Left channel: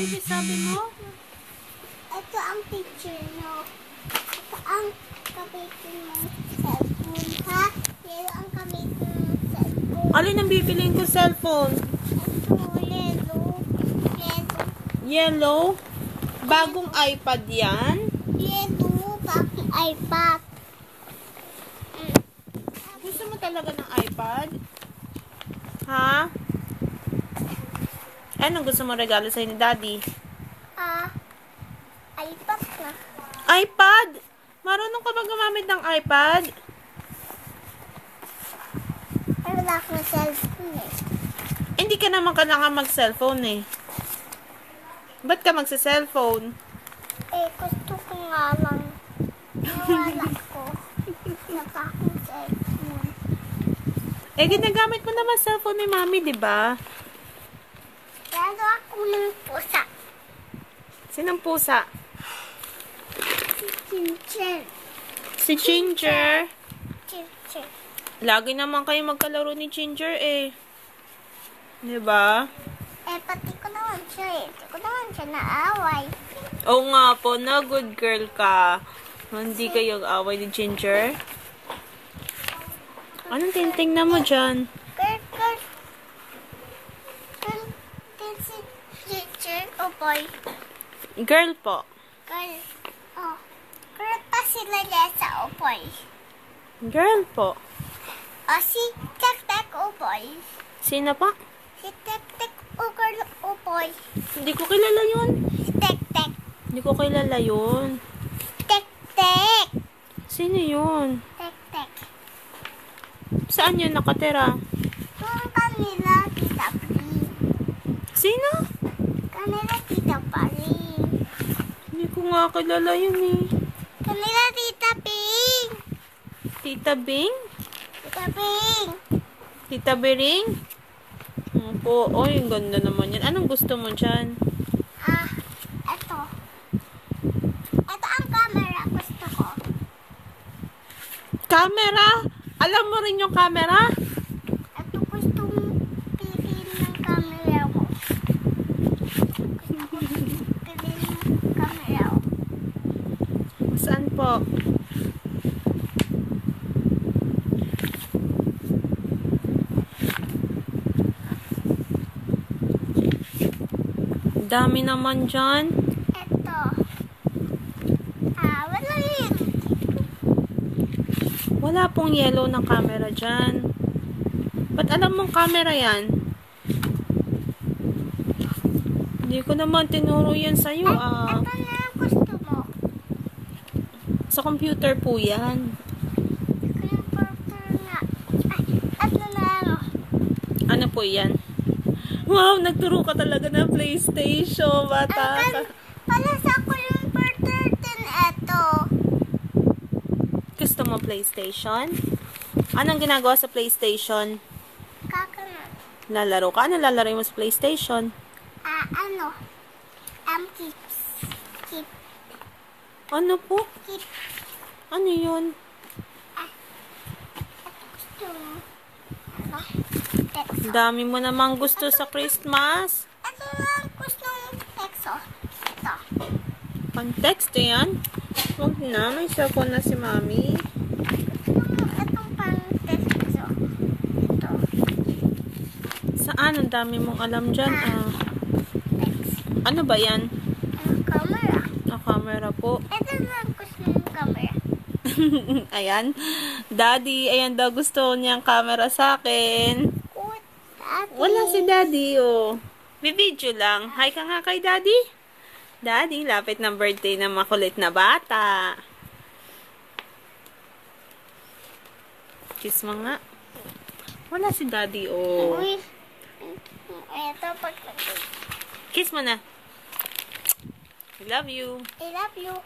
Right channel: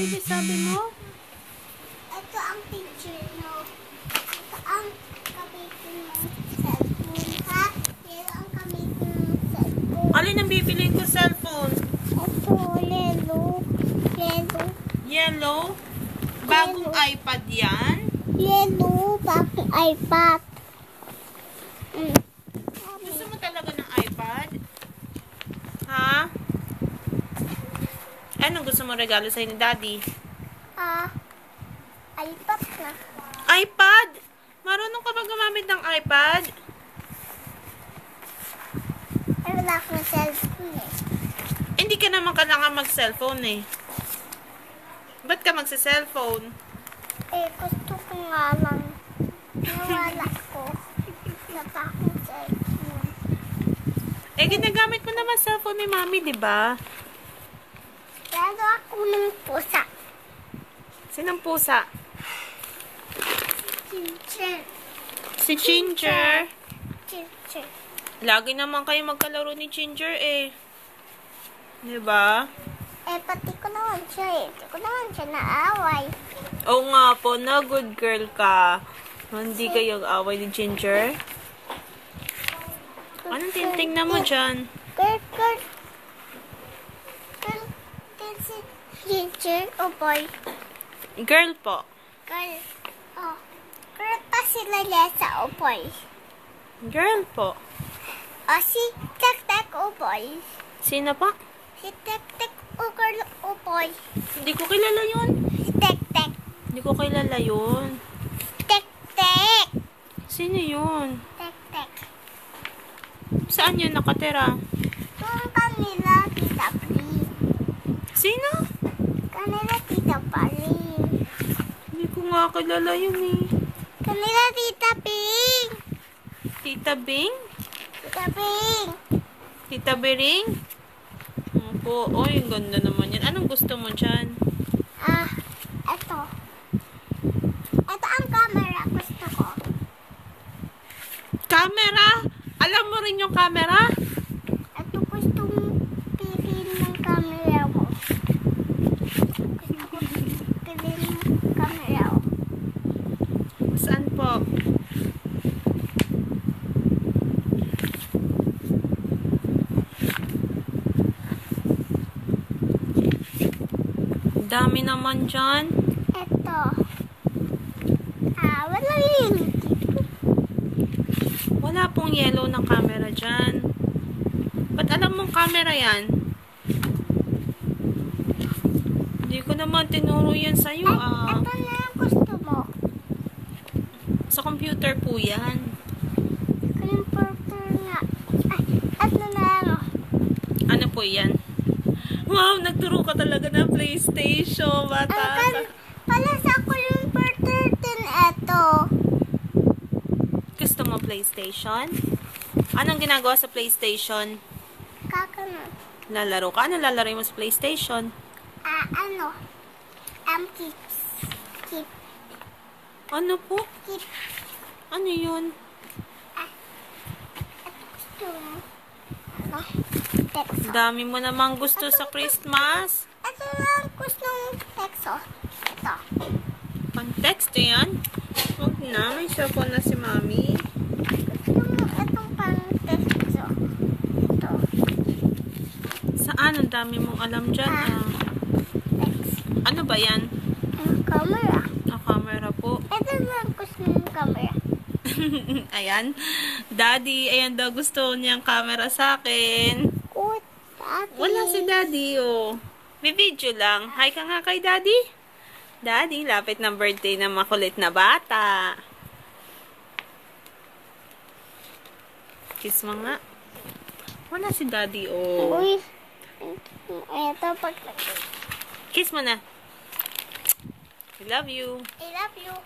baby, sabi mo? Ito ang picture, no? Ito ang gamitin ng cellphone, ha? Yellow ang gamitin ng cellphone. Alin ang bibiliin ko cellphone? Ito, yellow. Yellow. Yellow? Bagong iPad yan? Yellow, bakit iPad? Gusto mo talaga ng iPad? Ha? Anong gusto mo regalo sa'yo ni Daddy? iPad na. iPad? Marunong ka ba gumamit ng iPad? Ay, wala akong cellphone eh. Hindi ka naman kailangan mag-cellphone eh. Ba't ka magsa-cellphone? Eh, gusto ko nga lang. Nawala ko. Na pa akong cellphone. Eh, ginagamit mo naman cellphone ni Mami, di ba? Pero ako ng pusa. Sinong pusa? Ginger. Si Ginger. Ginger. Lagi naman kayo magkalaro ni Ginger eh. Di ba? Eh, pati ko naman siya eh. Hindi ko naman siya naaway. Oo nga po, na good girl ka. Hindi kayo away ni Ginger. Anong tinitingnan mo dyan? Girl, girl. Girl, is it Ginger o boy? Girl po. Girl. Oh. Girl pa sila Lesa o boy? Girl po. O si Tek-Tek o boy? Sino pa? Si Tek-Tek o girl o boy? Hindi ko kilala yun. Si Tek-Tek. Hindi ko kilala yun. Tek-Tek. Sino yun? Tek-Tek. Saan yun nakatira? Yung kanila, Tita Pring. Sino? Kanila, Tita Pring. Hindi ko nga kilala yun eh. Kanila, Tita Pring. Tita Bing? Tita Pring. Tita Bering? Opo. Oh, yung ganda naman yan. Anong gusto mo dyan? Ito. Ito ang camera gusto ko. Camera? Alam mo rin yung camera? Ito gusto mong piliin ng camera mo. Gusto ko piliin ng camera mo. Saan po? Dami naman dyan. Ito. Wala yun. Wala pong yellow na camera dyan. Ba't alam mong camera yan? Hindi ko naman tinuro yan sa'yo. Ito na ang gusto mo. Sa computer po yan. Yung purple nga. Ito na ano. Ano po yan? Wow, nagturo ka talaga ng PlayStation. Bata ka. Pala sa ko yung per 13 ito. Gusto mo PlayStation? Anong ginagawa sa PlayStation? Kakanot. Lalaro ka? Ano lalaro mo sa PlayStation? Ano? Keep. Ano po? Keep. Ano yun? Ito gusto mo. Ano? Texo. Dami mo namang gusto sa Christmas. Ito lang gusto mong texo. Ito. Pang-text yan? Huwag na. May cellphone na si Mami. Gusto mo itong pang-texo. Ito. Saan? Ang dami mong alam dyan. Text. Ano ba yan? Ang camera. Camera po. Ito lang gusto mong camera. Ayan. Daddy, ayan daw gusto niyang camera sa akin. Good. Daddy. Wala si Daddy, oh. May video lang. Hi ka nga kay Daddy. Daddy, lapit ng birthday ng makulit na bata. Kiss mo nga. Wala si Daddy, oh. Uy. Ito pag Kiss mo na. I love you. I love you.